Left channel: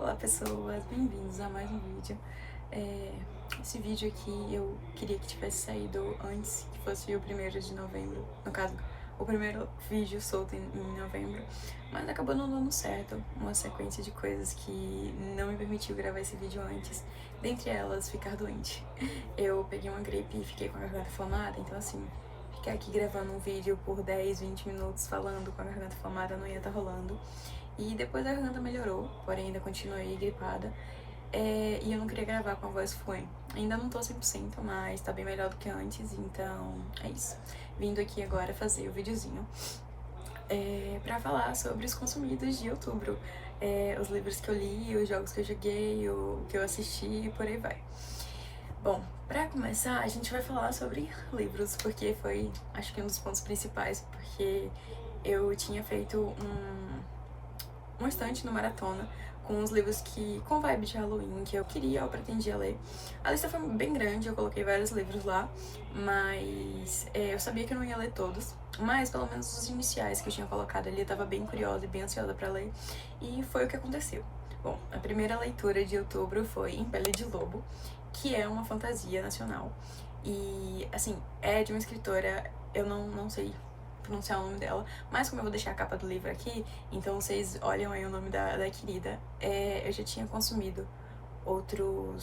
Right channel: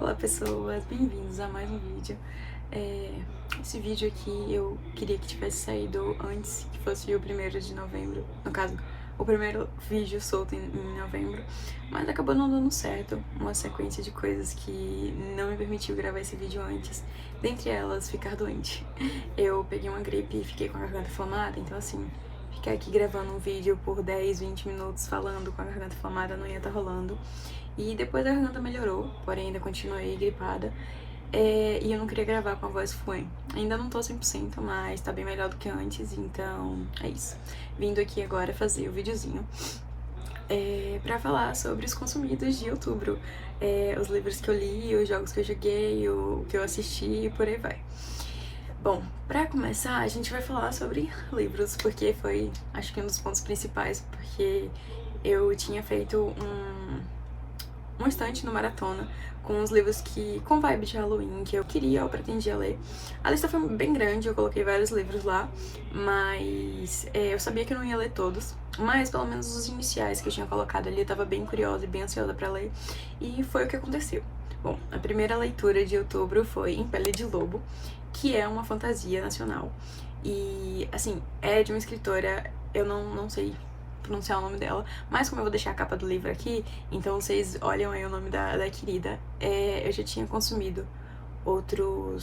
Olá pessoas, bem-vindos a mais um vídeo. Esse vídeo aqui eu queria que tivesse saído antes, que fosse o 1º de novembro, no caso, o primeiro vídeo solto em novembro, mas acabou não dando certo, uma sequência de coisas que não me permitiu gravar esse vídeo antes, dentre elas ficar doente. Eu peguei uma gripe e fiquei com a garganta inflamada, então assim, ficar aqui gravando um vídeo por 10, 20 minutos falando com a garganta inflamada não ia estar rolando. E depois a garganta melhorou, porém ainda continuei gripada. E eu não queria gravar com a voz fluente. Ainda não tô 100%, mas tá bem melhor do que antes, então é isso. Vindo aqui agora fazer o videozinho pra falar sobre os consumidos de outubro. Os livros que eu li, os jogos que eu joguei, o que eu assisti e por aí vai. Bom, pra começar, a gente vai falar sobre livros, porque foi, acho que um dos pontos principais, porque eu tinha feito um estante no Maratona com os livros com vibe de Halloween que eu queria ou pretendia ler. A lista foi bem grande, eu coloquei vários livros lá, mas eu sabia que eu não ia ler todos, mas pelo menos os iniciais que eu tinha colocado ali eu tava bem curiosa e bem ansiosa pra ler, e foi o que aconteceu. Bom, a primeira leitura de outubro foi Em Pele de Lobo, que é uma fantasia nacional. E, assim, é de uma escritora, eu não sei pronunciar o nome dela, mas como eu vou deixar a capa do livro aqui, então vocês olham aí o nome da querida. Eu já tinha consumido outro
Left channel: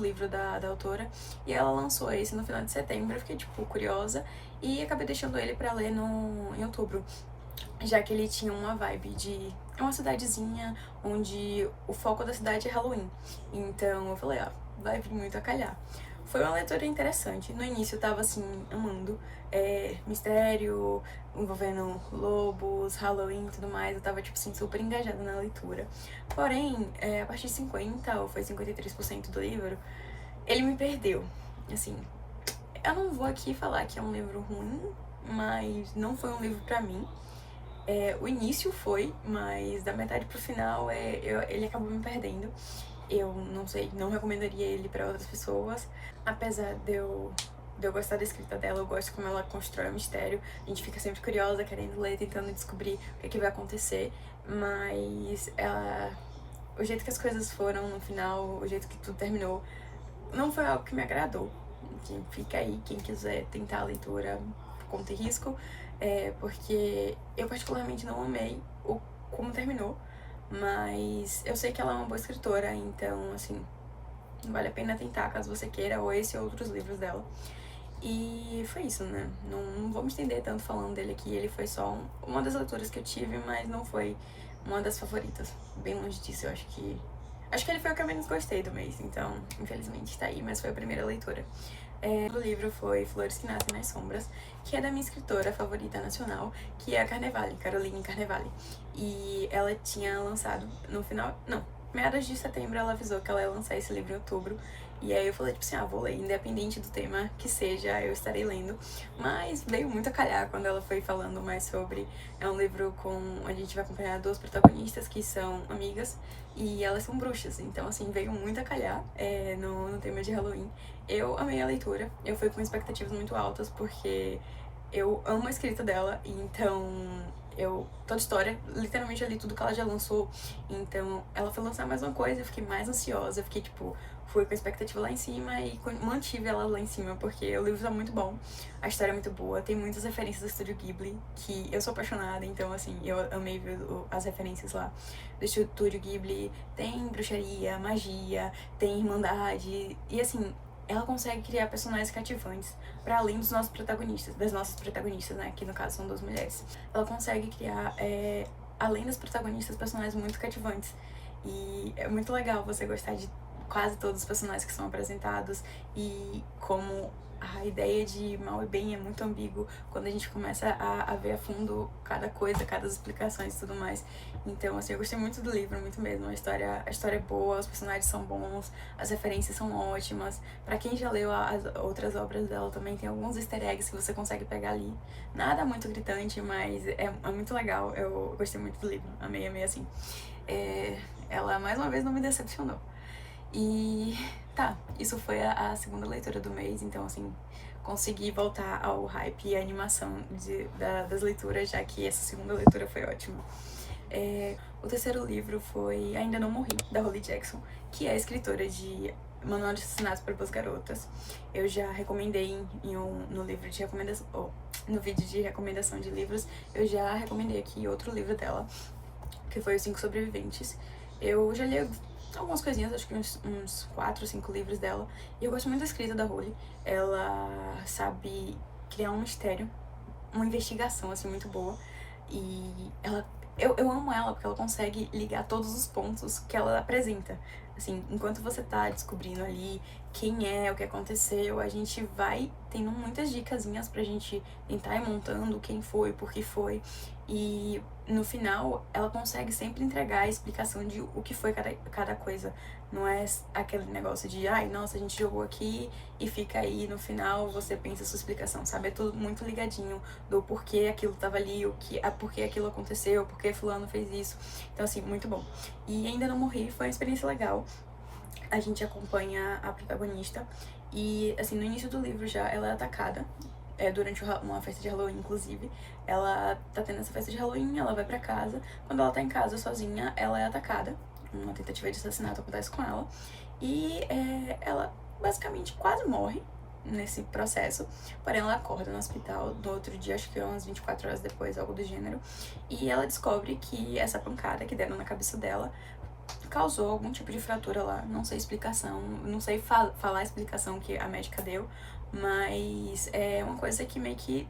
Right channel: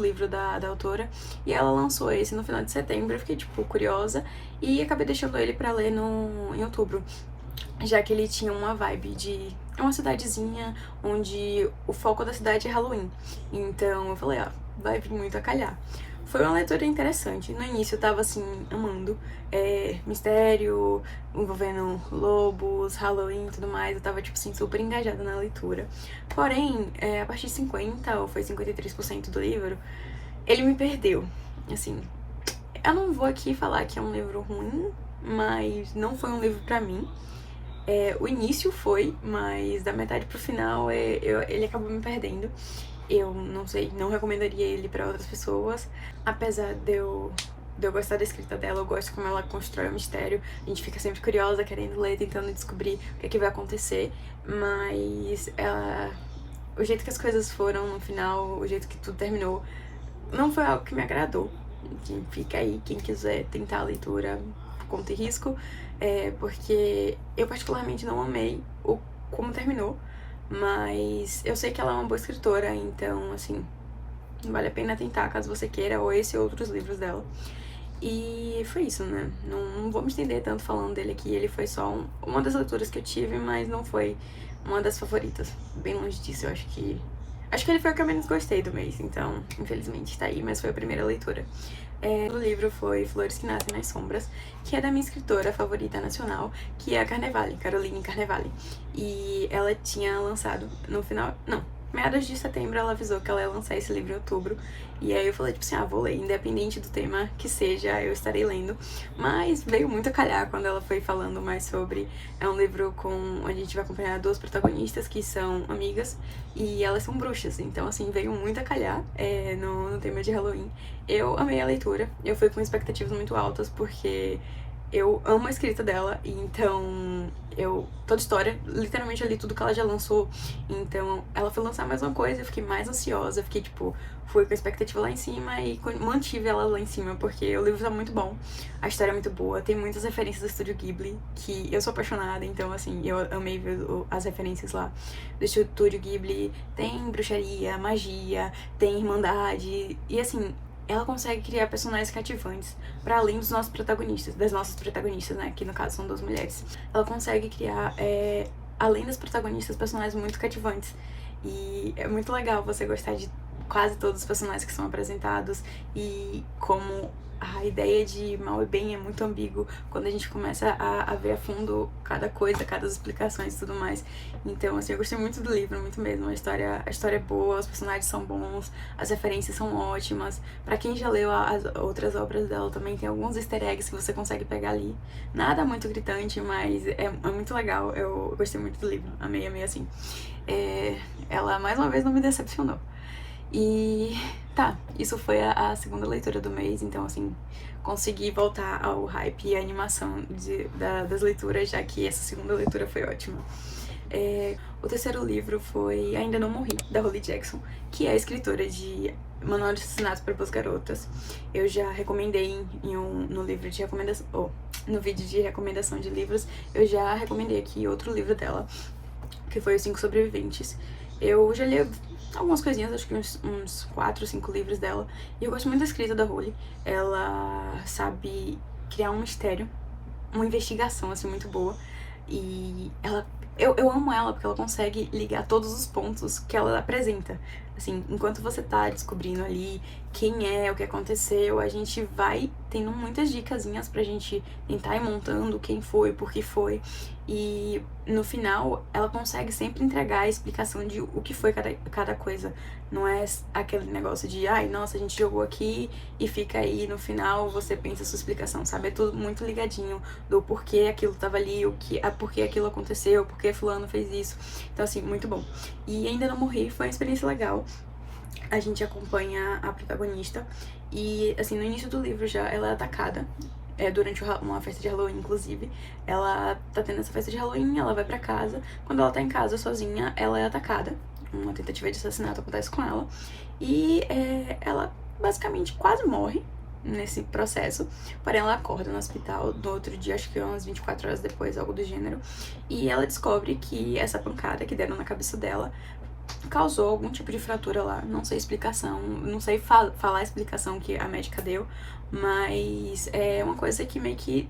livro da autora, e ela lançou esse no final de setembro. Eu fiquei, tipo, curiosa e acabei deixando ele pra ler em outubro, já que ele tinha uma vibe de... É uma cidadezinha onde o foco da cidade é Halloween, então eu falei, ó, vai vir muito a calhar. Foi uma leitura interessante. No início eu tava, assim, amando. Mistério, envolvendo lobos, Halloween e tudo mais. Eu tava, tipo assim, super engajada na leitura. Porém, a partir de 50% ou foi 53% do livro, ele me perdeu. Assim, eu não vou aqui falar que é um livro ruim, mas não foi um livro pra mim. O início foi, mas da metade pro final ele acabou me perdendo. Eu não sei, não recomendaria ele pra outras pessoas, apesar de eu gostar da escrita dela, eu gosto como ela constrói o mistério, a gente fica sempre curiosa, querendo ler, tentando descobrir o que vai acontecer, mas o jeito que as coisas foram no final, o jeito que tudo terminou, não foi algo que me agradou. Fica aí, quem quiser tentar a leitura, conta e risco, porque eu particularmente não amei como terminou, mas eu sei que ela é uma boa escritora, então, assim, vale a pena tentar caso você queira, ou esse ou outros livros dela. E foi isso, né? Não vou me estender tanto falando dele aqui, ele foi só uma das leituras que eu tive, mas não foi uma das favoritas. Bem longe disso, eu acho que... Acho que ele foi o que eu menos gostei do mês, então, infelizmente, tá aí, mas foi a primeira leitura. O livro foi Flores que Nascem nas Sombras, que é da minha escritora favorita nacional, que é a Carnevale, Caroline Carnevale. E ela tinha lançado no final... Não, meados de setembro ela avisou que ela ia lançar esse livro em outubro. E aí eu falei, tipo assim, vou ler, independente do tema que seja, eu estarei lendo. Mas veio muito a calhar quando ela foi falando mais sobre... É um livro onde a gente vai acompanhar duas protagonistas que são amigas, e elas são bruxas, então assim, veio muito a calhar no tema de Halloween. Eu amei a leitura, eu fui com expectativas muito altas, porque eu amo a escrita dela, então toda história, literalmente eu li tudo que ela já lançou, então ela foi lançar mais uma coisa, eu fiquei mais ansiosa, eu fiquei tipo, fui com a expectativa lá em cima e mantive ela lá em cima, porque o livro tá muito bom, a história é muito boa, tem muitas referências do Estúdio Ghibli, que eu sou apaixonada, então assim, eu amei ver as referências lá do Estúdio Ghibli, tem bruxaria, magia, tem irmandade, e assim, ela consegue criar personagens cativantes para além dos nossos protagonistas, das nossas protagonistas, né, que no caso são duas mulheres. Ela consegue criar, além das protagonistas, personagens muito cativantes. E é muito legal você gostar de quase todos os personagens que são apresentados, e como a ideia de mal e bem é muito ambíguo quando a gente começa a ver a fundo cada coisa, cada explicações e tudo mais. Então, assim, eu gostei muito do livro, muito mesmo. A história é boa, os personagens são bons, as referências são ótimas. Pra quem já leu as outras obras dela, também tem alguns easter eggs que você consegue pegar ali. Nada muito gritante, mas é muito legal. Eu gostei muito do livro, amei, assim. Ela, mais uma vez, não me decepcionou. E tá, isso foi a segunda leitura do mês, então assim, consegui voltar ao hype e à animação das leituras, já que essa segunda leitura foi ótima. O terceiro livro foi Ainda Não Morri, da Holly Jackson, que é escritora de Manual de Assassinatos para Boas Garotas. Eu já recomendei no livro de recomendação, no vídeo de recomendação de livros, eu já recomendei aqui outro livro dela, que foi Os Cinco Sobreviventes. Eu já li algumas coisinhas, acho que uns 4 ou 5 livros dela, e eu gosto muito da escrita da Holly. Ela sabe criar um mistério, uma investigação, assim, muito boa, e eu amo ela porque ela consegue ligar todos os pontos que ela apresenta. Assim, enquanto você tá descobrindo ali quem é, o que aconteceu, a gente vai tendo muitas dicasinhas pra gente tentar ir montando quem foi, por que foi. E no final, ela consegue sempre entregar a explicação de o que foi cada coisa. Não é aquele negócio de, ai, nossa, a gente jogou aqui e fica aí, no final você pensa a sua explicação, sabe? É tudo muito ligadinho do porquê aquilo tava ali, porquê aquilo aconteceu, porquê fulano fez isso. Então, assim, muito bom. E Ainda Não Morri foi uma experiência legal. A gente acompanha a protagonista e, assim, no início do livro já ela é atacada. Durante uma festa de Halloween, inclusive. Ela tá tendo essa festa de Halloween, ela vai pra casa. Quando ela tá em casa sozinha, ela é atacada. Uma tentativa de assassinato acontece com ela. E ela basicamente quase morre nesse processo. Porém, ela acorda no hospital no outro dia, acho que umas 24 horas depois, algo do gênero. E ela descobre que essa pancada que deram na cabeça dela causou algum tipo de fratura lá. Não sei explicação, não sei falar a explicação que a médica deu, mas é uma coisa que meio que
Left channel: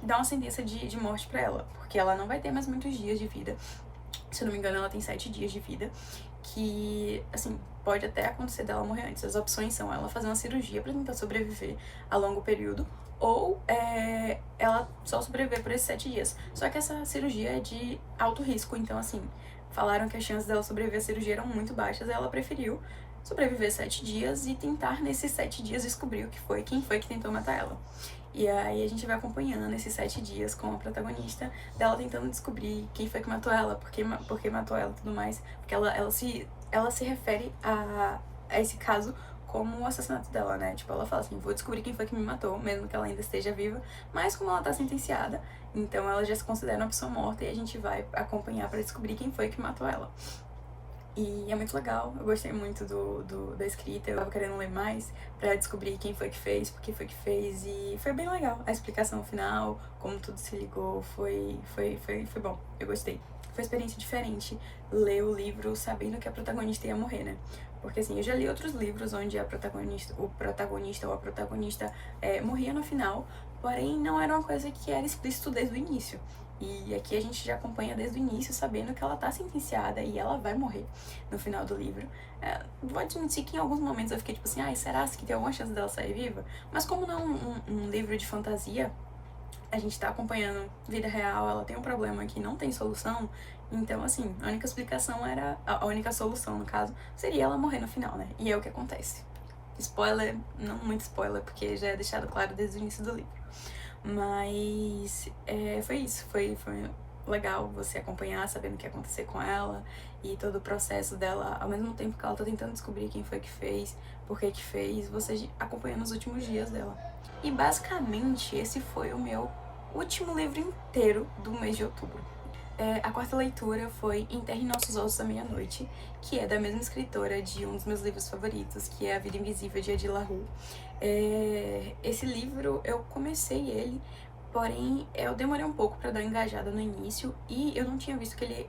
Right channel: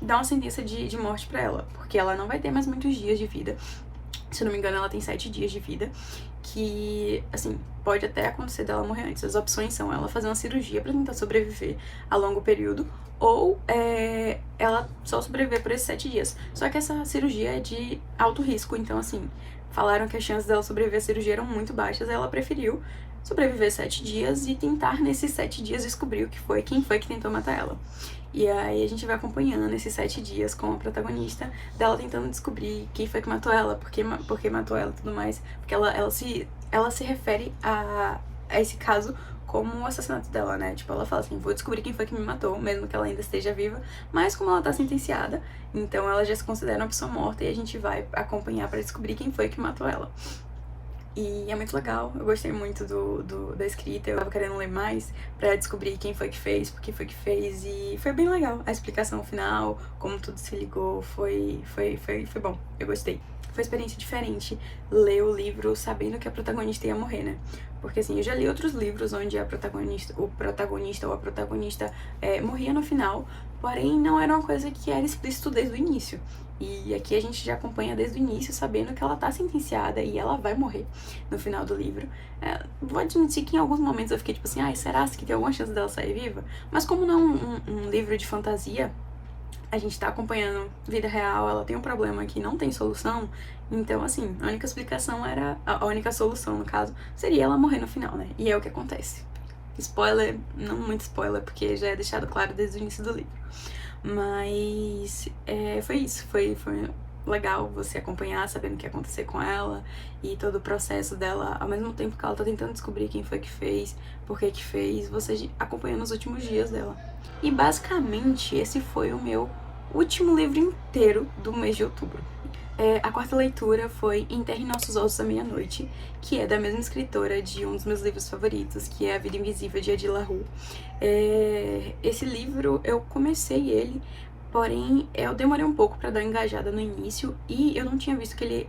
dá uma sentença de morte pra ela, porque ela não vai ter mais muitos dias de vida. Se eu não me engano, ela tem 7 dias de vida, que, assim, pode até acontecer dela morrer antes. As opções são ela fazer uma cirurgia pra tentar sobreviver a longo período, ou ela só sobreviver por esses 7 dias. Só que essa cirurgia é de alto risco, então, assim, falaram que as chances dela sobreviver à cirurgia eram muito baixas, aí ela preferiu sobreviver 7 dias e tentar nesses 7 dias descobrir quem foi que tentou matar ela. E aí a gente vai acompanhando esses 7 dias com a protagonista dela tentando descobrir quem foi que matou ela, por que matou ela e tudo mais. Porque ela se refere a esse caso como o assassinato dela, né? Tipo, ela fala assim, vou descobrir quem foi que me matou, mesmo que ela ainda esteja viva. Mas como ela tá sentenciada, então ela já se considera uma pessoa morta e a gente vai acompanhar pra descobrir quem foi que matou ela. E é muito legal, eu gostei muito da escrita, eu tava querendo ler mais pra descobrir quem foi que fez, por que foi que fez, e foi bem legal. A explicação final, como tudo se ligou, foi bom, eu gostei. Foi uma experiência diferente ler o livro sabendo que a protagonista ia morrer, né? Porque assim, eu já li outros livros onde o protagonista ou a protagonista morria no final, porém não era uma coisa que era explícito desde o início. E aqui a gente já acompanha desde o início, sabendo que ela tá sentenciada e ela vai morrer no final do livro. Vou admitir que em alguns momentos eu fiquei tipo assim, ai, será que tem alguma chance dela sair viva? Mas como não é um livro de fantasia, a gente tá acompanhando vida real, ela tem um problema que não tem solução, então assim, a única explicação era, a única solução no caso, seria ela morrer no final, né? E é o que acontece. Spoiler, não muito spoiler, porque já é deixado claro desde o início do livro. Mas foi isso, foi legal você acompanhar, sabendo o que ia acontecer com ela e todo o processo dela, ao mesmo tempo que ela tá tentando descobrir quem foi que fez, por que que fez, você acompanhando os últimos dias dela. E basicamente esse foi o meu último livro inteiro do mês de outubro. A quarta leitura foi Enterre Nossos Ossos à Meia-Noite, que é da mesma escritora de um dos meus livros favoritos, que é A Vida Invisível, de Edir La Rue. Esse livro, eu comecei ele, porém eu demorei um pouco pra dar uma engajada no início e eu não tinha visto que ele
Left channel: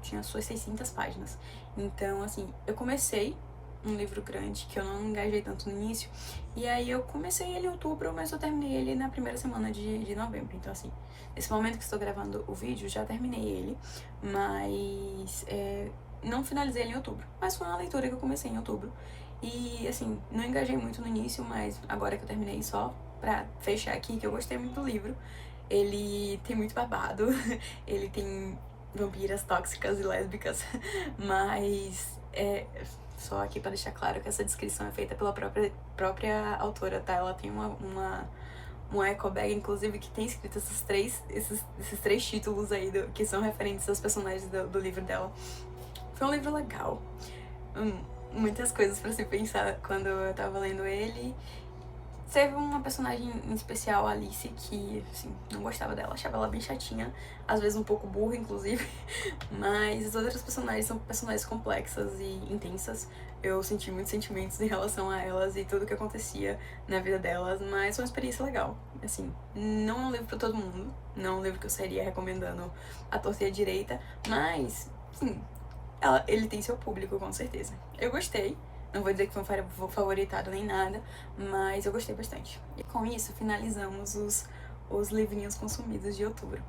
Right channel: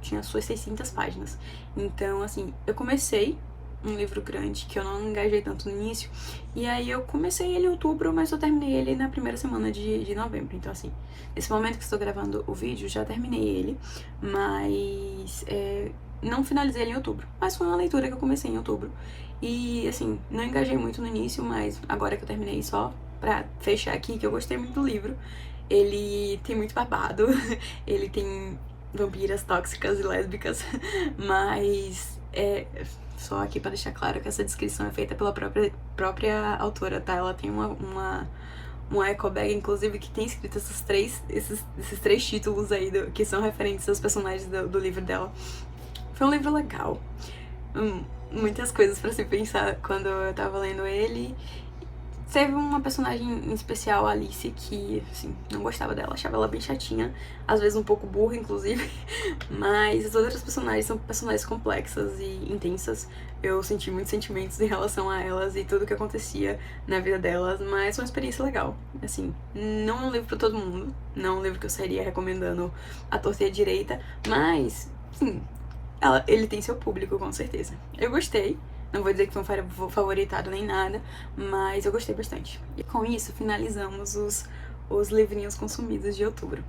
tinha suas 600 páginas. Então, assim, eu comecei um livro grande, que eu não engajei tanto no início, e aí eu comecei ele em outubro, mas eu terminei ele na primeira semana de novembro. Então, assim, nesse momento que estou gravando o vídeo, já terminei ele, mas não finalizei ele em outubro. Mas foi uma leitura que eu comecei em outubro. E, assim, não engajei muito no início, mas agora que eu terminei, só pra fechar aqui, que eu gostei muito do livro. Ele tem muito babado, ele tem vampiras tóxicas e lésbicas, mas só aqui pra deixar claro que essa descrição é feita pela própria autora, tá? Ela tem uma eco bag, inclusive, que tem escrito esses três títulos aí, que são referentes aos personagens do livro dela. Foi um livro legal. Muitas coisas pra se pensar quando eu tava lendo ele. Teve uma personagem em especial, a Alice, que, assim, não gostava dela, achava ela bem chatinha, às vezes um pouco burra, inclusive, mas as outras personagens são personagens complexas e intensas. Eu senti muitos sentimentos em relação a elas e tudo que acontecia na vida delas, mas foi uma experiência legal. Assim, não é um livro pra todo mundo, não é um livro que eu sairia recomendando à torta e à direita, mas, sim, ele tem seu público, com certeza. Eu gostei. Não vou dizer que foi um favoritado nem nada, mas eu gostei bastante. E com isso, finalizamos os livrinhos consumidos de outubro.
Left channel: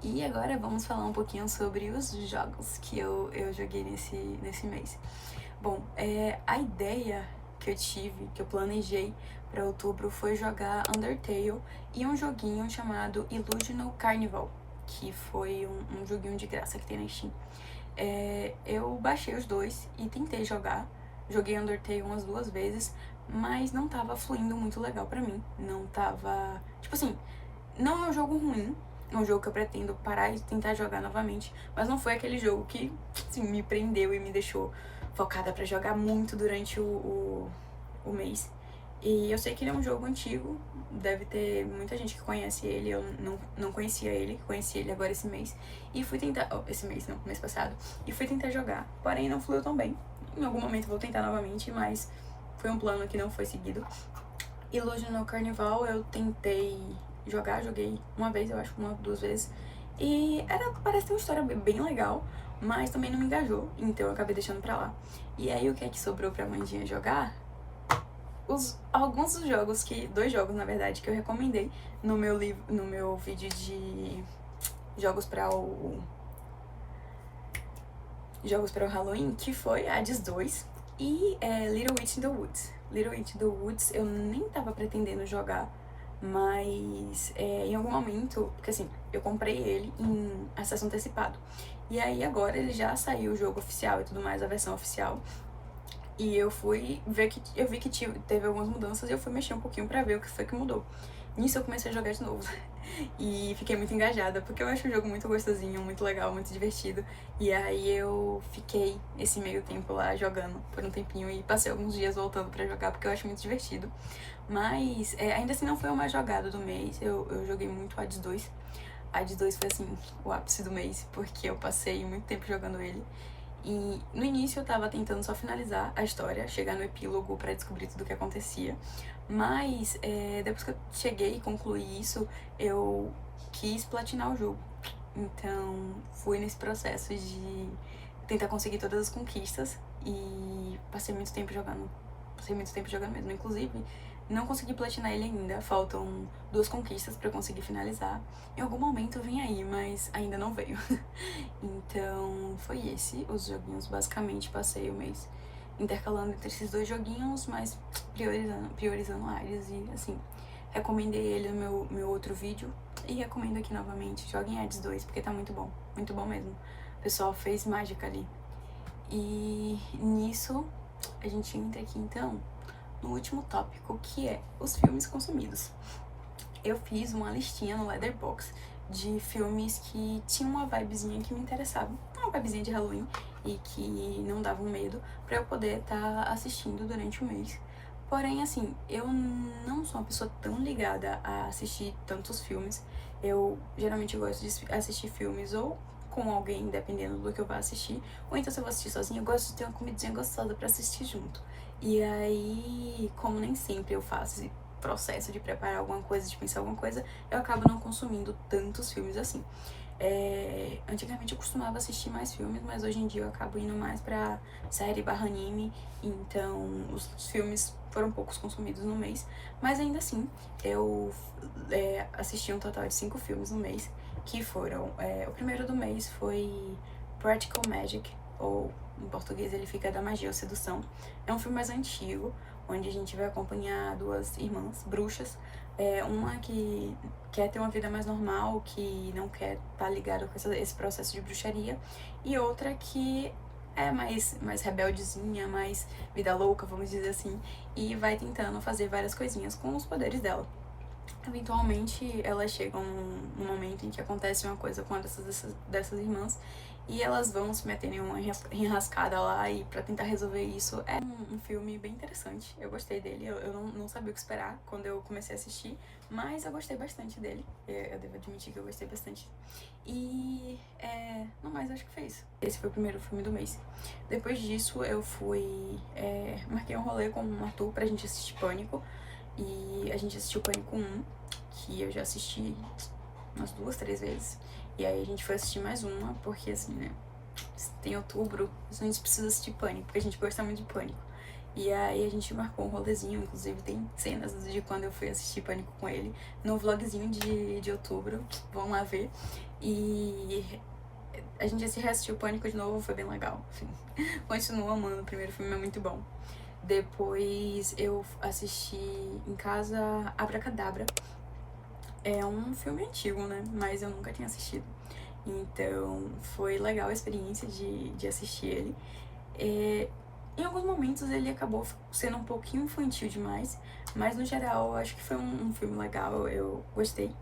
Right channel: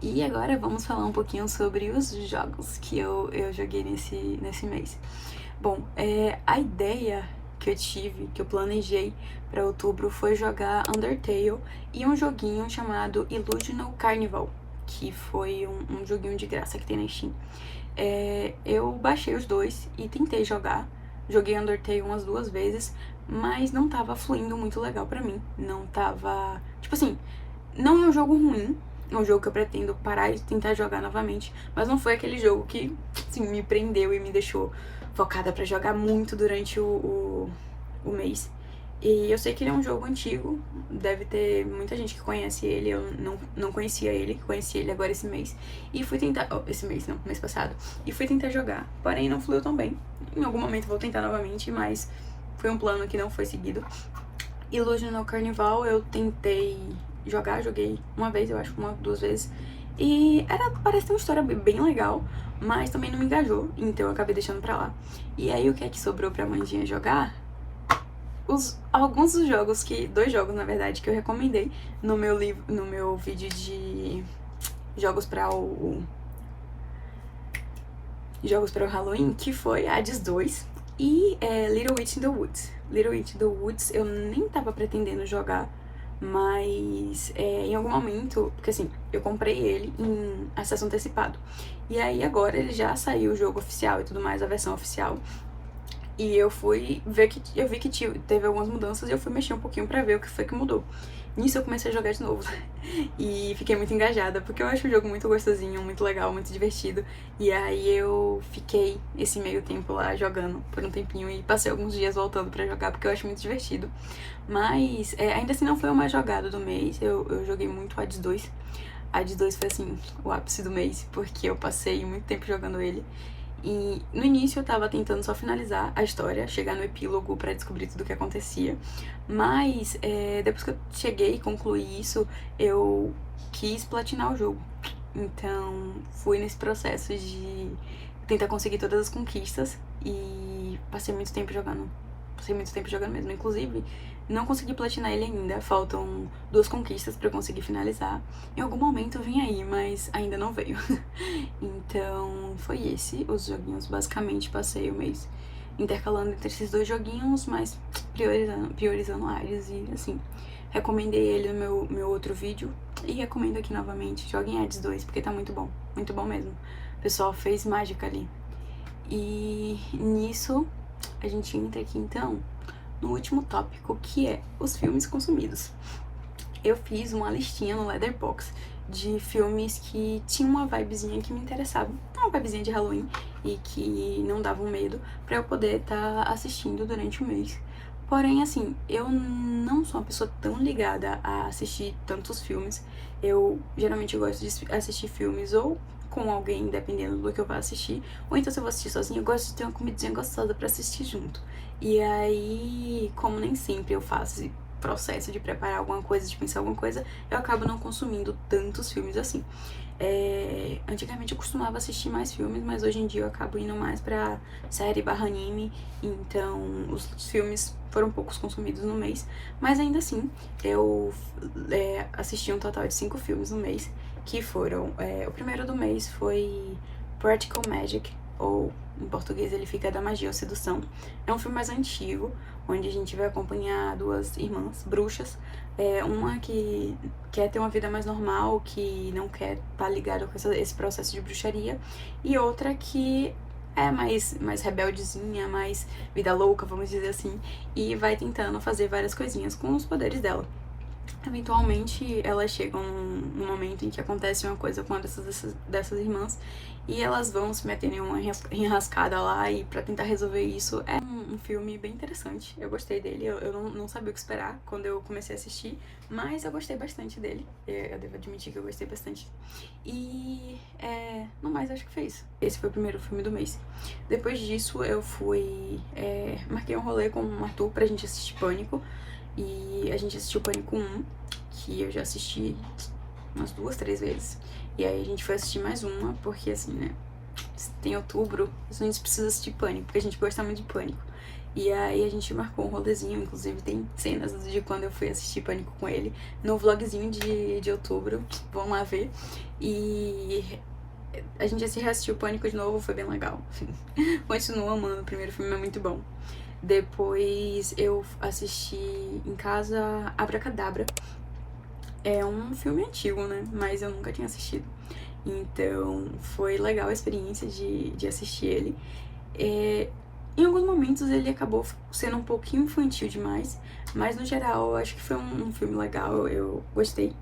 E agora vamos falar um pouquinho sobre os jogos que eu joguei nesse mês. Bom, a ideia que eu tive, que eu planejei para outubro foi jogar Undertale e um joguinho chamado Illusional Carnival, que foi um joguinho de graça que tem na Steam. Eu baixei os dois e tentei jogar. Joguei Undertale umas 2 vezes, mas não tava fluindo muito legal pra mim. Não tava... Tipo assim, não é um jogo ruim, é um jogo que eu pretendo parar e tentar jogar novamente, mas não foi aquele jogo que, assim, me prendeu e me deixou focada pra jogar muito durante o mês. E eu sei que ele é um jogo antigo, deve ter muita gente que conhece ele, eu não conhecia ele, conheci ele agora esse mês. E fui tentar, esse mês não, mês passado, e fui tentar jogar, porém não fluiu tão bem. Em algum momento vou tentar novamente, mas foi um plano que não foi seguido. Illusional Carnival eu tentei jogar, joguei uma vez, eu acho, 2 vezes. E parece ter uma história bem legal, mas também não me engajou, então eu acabei deixando pra lá. E aí o que é que sobrou pra Mandinha jogar? Alguns dos jogos 2 jogos na verdade, que eu recomendei no meu vídeo de jogos para o Halloween, que foi Hades 2 e Little Witch in the Woods. Little Witch in the Woods eu nem tava pretendendo jogar, mas em algum momento, porque assim, eu comprei ele em acesso antecipado, e aí agora ele já saiu o jogo oficial e tudo mais, a versão oficial. E eu fui ver que eu vi que teve algumas mudanças e eu fui mexer um pouquinho pra ver o que foi que mudou. Nisso eu comecei a jogar de novo. E fiquei muito engajada, porque eu acho o jogo muito gostosinho, muito legal, muito divertido. E aí eu fiquei esse meio tempo lá jogando por um tempinho e passei alguns dias voltando pra jogar, porque eu acho muito divertido. Mas ainda assim não foi uma jogada do mês, eu joguei muito Hades 2. Hades 2 foi assim, o ápice do mês, porque eu passei muito tempo jogando ele. E no início eu tava tentando só finalizar a história, chegar no epílogo pra descobrir tudo o que acontecia. Mas depois que eu cheguei e concluí isso, eu quis platinar o jogo. Então fui nesse processo de tentar conseguir todas as conquistas e passei muito tempo jogando. Passei muito tempo jogando mesmo. Inclusive, não consegui platinar ele ainda. Faltam 2 conquistas pra eu conseguir finalizar. Em algum momento vem aí, mas ainda não veio. Então, foi esse os joguinhos. Basicamente, passei o mês intercalando entre esses 2 joguinhos, mas priorizando áreas e, assim, recomendei ele no meu outro vídeo e recomendo aqui novamente. Joguem Hades 2, porque tá muito bom mesmo. O pessoal fez mágica ali. E nisso, a gente entra aqui, então, no último tópico, que é os filmes consumidos. Eu fiz uma listinha no Letterboxd de filmes que tinham uma vibezinha que me interessava, uma vibezinha de Halloween e que não davam medo, pra eu poder estar assistindo durante o mês. Porém, assim, eu não sou uma pessoa tão ligada a assistir tantos filmes. Eu geralmente gosto de assistir filmes ou com alguém, dependendo do que eu vou assistir, ou então se eu vou assistir sozinha, eu gosto de ter uma comidinha gostosa pra assistir junto. E aí, como nem sempre eu faço esse processo de preparar alguma coisa, de pensar alguma coisa, eu acabo não consumindo tantos filmes assim. Antigamente eu costumava assistir mais filmes, mas hoje em dia eu acabo indo mais pra série / anime, então os filmes foram poucos consumidos no mês, mas ainda assim eu assisti um total de 5 filmes no mês, que foram, o primeiro do mês foi Practical Magic, ou em português ele fica Da Magia ou Sedução. É um filme mais antigo, onde a gente vai acompanhar 2 irmãs bruxas, uma que quer ter uma vida mais normal, que não quer estar ligada com esse processo de bruxaria, e outra que é mais rebeldezinha, mais vida louca, vamos dizer assim, e vai tentando fazer várias coisinhas com os poderes dela. Eventualmente elas chegam num momento em que acontece uma coisa com uma dessas irmãs e elas vão se meter em uma enrascada lá e pra tentar resolver isso. É um filme bem interessante, eu gostei dele, eu não sabia o que esperar quando eu comecei a assistir, mas eu gostei bastante dele, eu devo admitir que eu gostei bastante. E no mais, acho que foi isso. Esse foi o primeiro filme do mês. Depois disso, eu fui marquei um rolê com o Arthur pra gente assistir Pânico, e a gente assistiu Pânico 1, que eu já assisti umas 2, 3 vezes. E aí a gente foi assistir mais uma, porque assim, né, tem outubro, a gente precisa assistir Pânico, porque a gente gosta muito de Pânico. E aí a gente marcou um rolezinho, inclusive tem cenas de quando eu fui assistir Pânico com ele no vlogzinho de outubro, vamos lá ver. E a gente assistiu Pânico de novo, foi bem legal. Continuo amando, o primeiro filme é muito bom. Depois eu assisti em casa Abracadabra. É um filme antigo, né? Mas eu nunca tinha assistido. Então foi legal a experiência de assistir ele. Em alguns momentos ele acabou sendo um pouquinho infantil demais, mas no geral eu acho que foi um filme legal, eu gostei.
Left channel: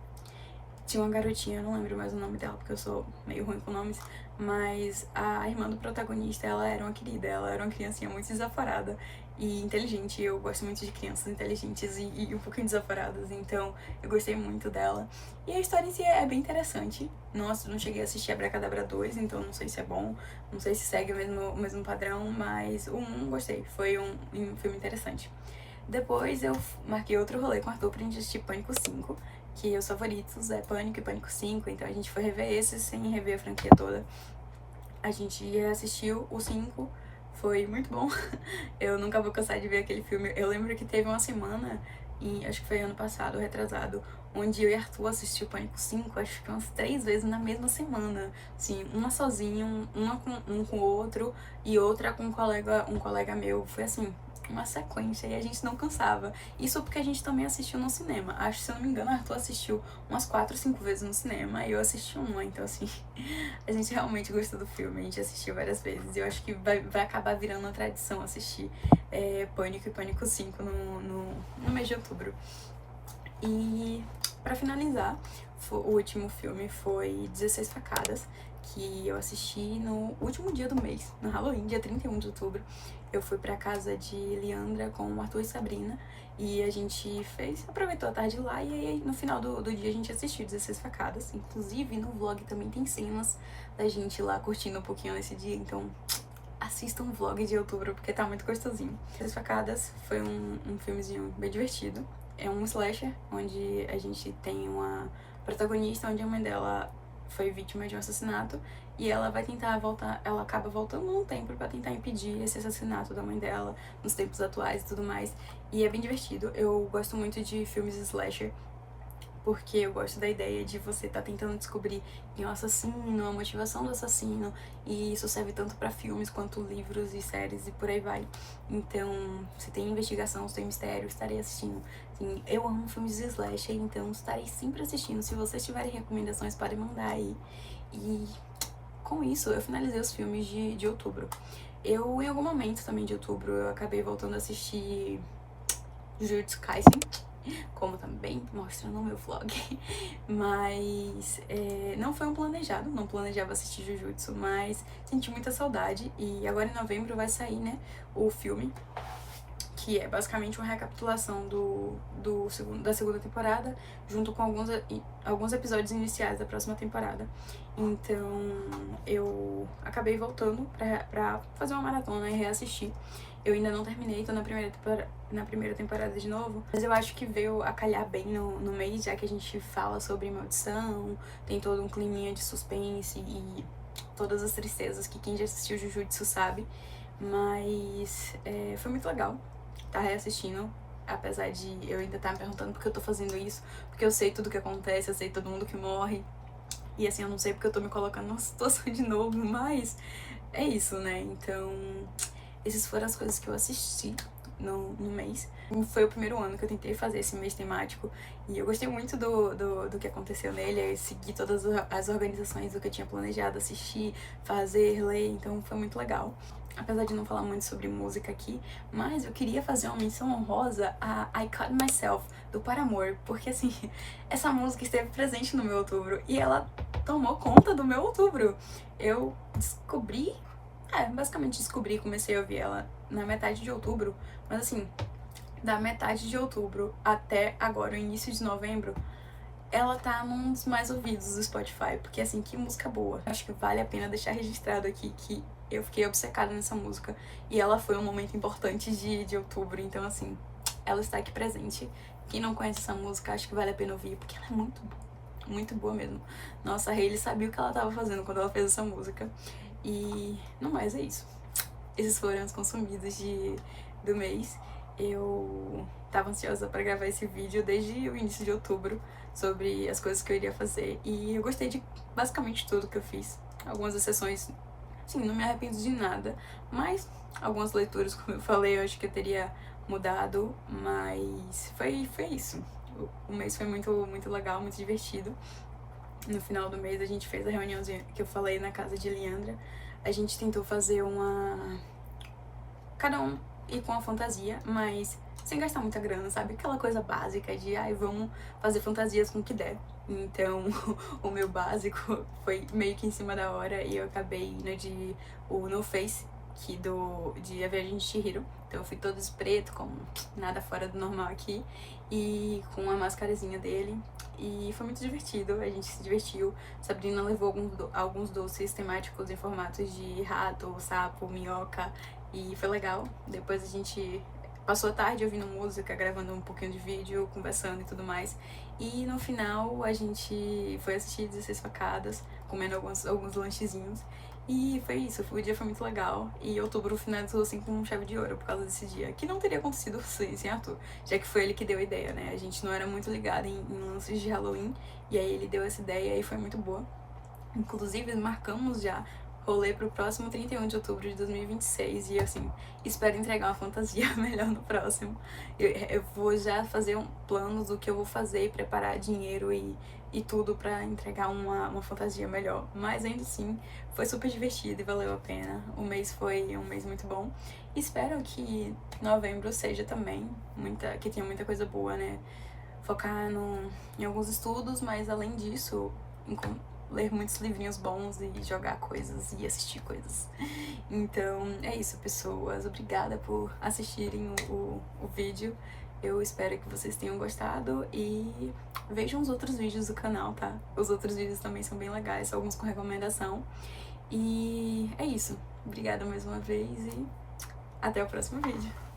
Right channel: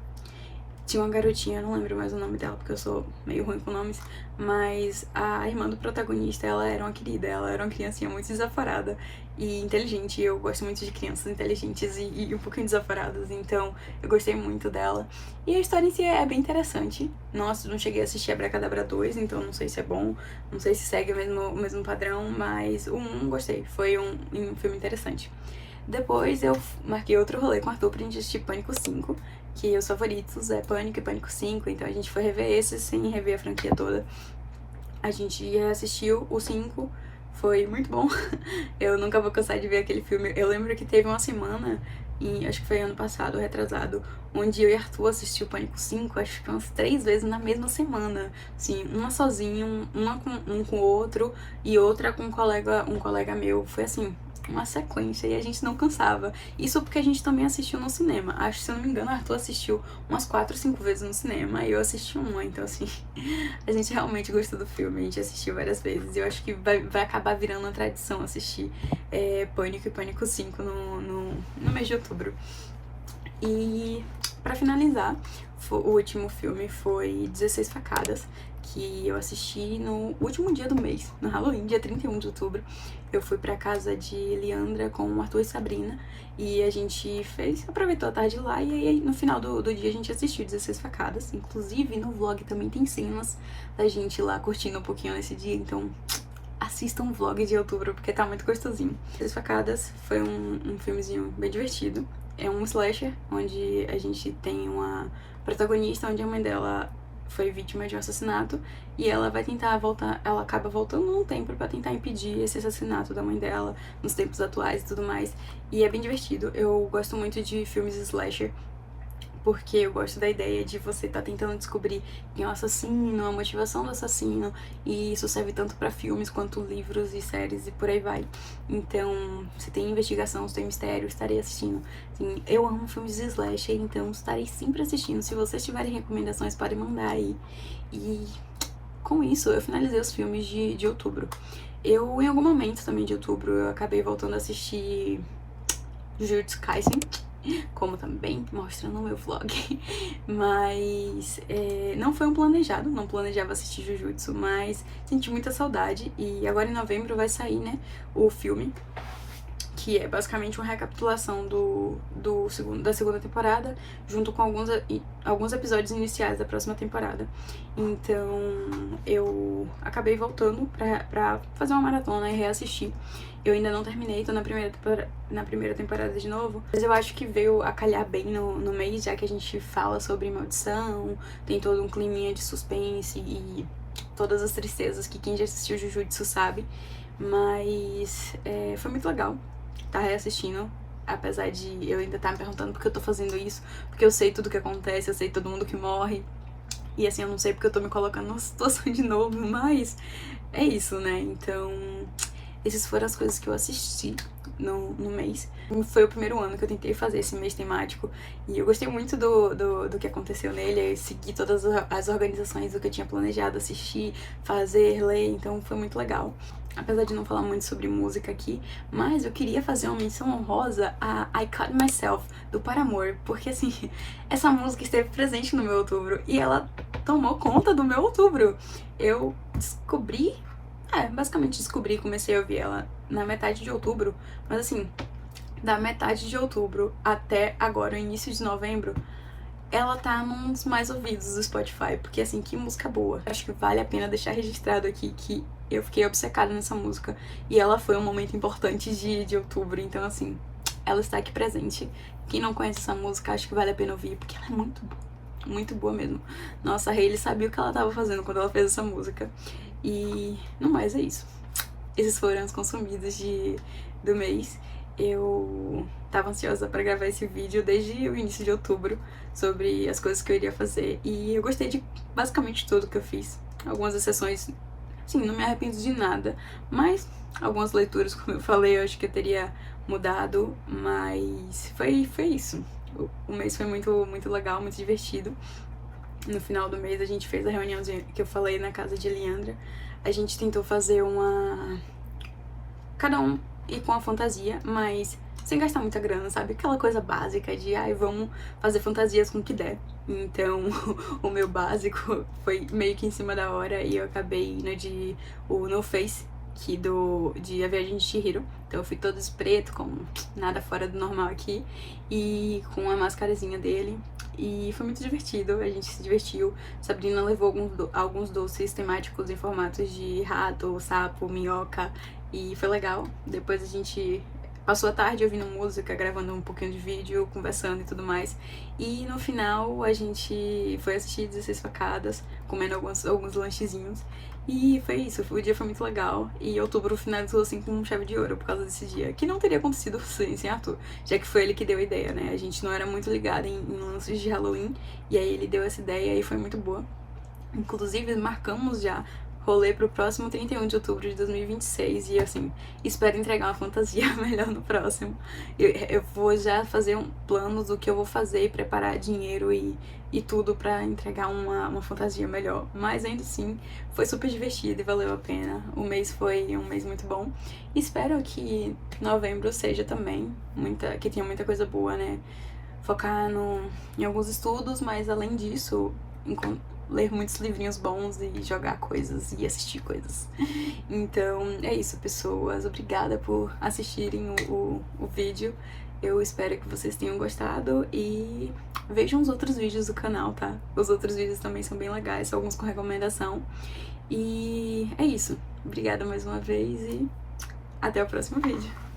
Tinha uma garotinha, não lembro mais o nome dela, porque eu sou meio ruim com nomes, mas a irmã do protagonista, ela era uma querida, ela era uma criancinha muito desaforada e inteligente, e eu gosto muito de crianças inteligentes e um pouquinho desaforadas, então eu gostei muito dela. E a história em si é bem interessante. Nossa, não cheguei a assistir Abracadabra 2, então não sei se é bom, não sei se segue o mesmo padrão, mas o 1 gostei, foi um filme interessante. Depois eu marquei outro rolê com o Arthur pra gente assistir Pânico 5, que os favoritos é Pânico e Pânico 5, então a gente foi rever esses sem rever a franquia toda. A gente assistiu o 5, foi muito bom. Eu nunca vou cansar de ver aquele filme. Eu lembro que teve uma semana, acho que foi ano passado, retrasado, onde eu e Arthur assistiu Pânico 5, acho que umas 3 vezes na mesma semana. Assim, uma sozinho, uma com um com o outro e outra com um colega meu. Foi assim, uma sequência, e a gente não cansava. Isso porque a gente também assistiu no cinema. Acho que, se eu não me engano, Arthur assistiu umas 4, 5 vezes no cinema e eu assisti uma. Então, assim, a gente realmente gostou do filme. A gente assistiu várias vezes. E eu acho que vai acabar virando uma tradição assistir Pânico e Pânico 5 no mês de outubro. E pra finalizar, o último filme foi 16 Facadas, que eu assisti no último dia do mês, no Halloween, dia 31 de outubro. Eu fui pra casa de Leandra com o Arthur e Sabrina, e a gente aproveitou a tarde lá, e aí no final do dia a gente assistiu 16 Facadas. Inclusive no vlog também tem cenas da gente lá curtindo um pouquinho nesse dia, então assistam um vlog de outubro porque tá muito gostosinho. 16 Facadas foi um filmezinho bem divertido. É um slasher, onde a gente tem uma protagonista, onde a mãe dela foi vítima de um assassinato e ela vai tentar voltar, ela acaba voltando no tempo pra tentar impedir esse assassinato da mãe dela nos tempos atuais e tudo mais. E é bem divertido. Eu gosto muito de filmes slasher, porque eu gosto da ideia de você estar tentando descobrir quem é o assassino, a motivação do assassino, e isso serve tanto pra filmes quanto livros e séries e por aí vai. Então, se tem investigação, se tem mistério, estarei assistindo. Assim, eu amo filmes de slasher, então estarei sempre assistindo. Se vocês tiverem recomendações, podem mandar aí. E com isso, eu finalizei os filmes de outubro. Em algum momento também de outubro, eu acabei voltando a assistir Jujutsu Kaisen, como também mostra no meu vlog, mas não foi um planejado, não planejava assistir Jujutsu, mas senti muita saudade. E agora em novembro vai sair, né, o filme, que é basicamente uma recapitulação da segunda temporada, junto com alguns episódios iniciais da próxima temporada. Então eu acabei voltando pra fazer uma maratona e reassistir. Eu ainda não terminei, tô na primeira temporada de novo, mas eu acho que veio a calhar bem no mês, já que a gente fala sobre maldição, tem todo um climinha de suspense e todas as tristezas que quem já assistiu Jujutsu sabe. Mas foi muito legal tá reassistindo, apesar de eu ainda estar me perguntando por que eu tô fazendo isso, porque eu sei tudo que acontece, eu sei todo mundo que morre, e assim, eu não sei porque eu tô me colocando numa situação de novo, mas é isso, né? Então, essas foram as coisas que eu assisti no mês. Foi o primeiro ano que eu tentei fazer esse mês temático, e eu gostei muito do que aconteceu nele. Eu segui todas as organizações do que eu tinha planejado assistir, fazer, ler, então foi muito legal. Apesar de não falar muito sobre música aqui, mas eu queria fazer uma menção honrosa a I Cut Myself, do Paramore, porque assim, essa música esteve presente no meu outubro e ela tomou conta do meu outubro. Eu descobri, basicamente descobri, comecei a ouvir ela na metade de outubro, mas assim, da metade de outubro até agora, o início de novembro, ela tá nos mais ouvidos do Spotify, porque assim, que música boa. Acho que vale a pena deixar registrado aqui que eu fiquei obcecada nessa música e ela foi um momento importante de outubro, então assim, ela está aqui presente. Quem não conhece essa música, acho que vale a pena ouvir, porque ela é muito boa mesmo. Nossa, a Hailey sabia o que ela tava fazendo quando ela fez essa música. E no mais é isso. Esses foram os consumidos do mês. Eu tava ansiosa pra gravar esse vídeo desde o início de outubro sobre as coisas que eu iria fazer e eu gostei de basicamente tudo que eu fiz. Algumas exceções, sim, não me arrependo de nada, mas algumas leituras, como eu falei, eu acho que eu teria mudado, mas foi isso. O mês foi muito legal, muito divertido. No final do mês a gente fez a reuniãozinha que eu falei na casa de Leandra. A gente tentou fazer cada um ir com a fantasia, mas sem gastar muita grana, sabe? Aquela coisa básica de, vamos fazer fantasias com o que der. Então, o meu básico foi meio que em cima da hora e eu acabei indo de o No Face, de A Viagem de Chihiro. Então eu fui todo de preto, com nada fora do normal aqui, e com a máscarazinha dele. E foi muito divertido, a gente se divertiu. Sabrina levou alguns doces temáticos em formatos de rato, sapo, minhoca, e foi legal. Depois a gente passou a tarde ouvindo música, gravando um pouquinho de vídeo, conversando e tudo mais. E no final a gente foi assistir 16 Facadas, comendo alguns lanchezinhos. E foi isso, o dia foi muito legal. E outubro finalizou assim com chave de ouro por causa desse dia, que não teria acontecido sem Arthur, já que foi ele que deu a ideia, né? A gente não era muito ligada em lances de Halloween, e aí ele deu essa ideia e foi muito boa. Inclusive, marcamos já rolê pro próximo 31 de outubro de 2026 e assim, espero entregar uma fantasia melhor no próximo. Eu vou já fazer um plano do que eu vou fazer e preparar dinheiro e tudo pra entregar uma fantasia melhor. Mas ainda assim, foi super divertido e valeu a pena. O mês foi um mês muito bom. Espero que novembro seja também, que tenha muita coisa boa, né? Focar em alguns estudos, mas além disso, ler muitos livrinhos bons e jogar coisas e assistir coisas. Então é isso, pessoas. Obrigada por assistirem o vídeo. Eu espero que vocês tenham gostado e vejam os outros vídeos do canal, tá? Os outros vídeos também são bem legais, alguns com recomendação. E é isso. Obrigada mais uma vez e até o próximo vídeo.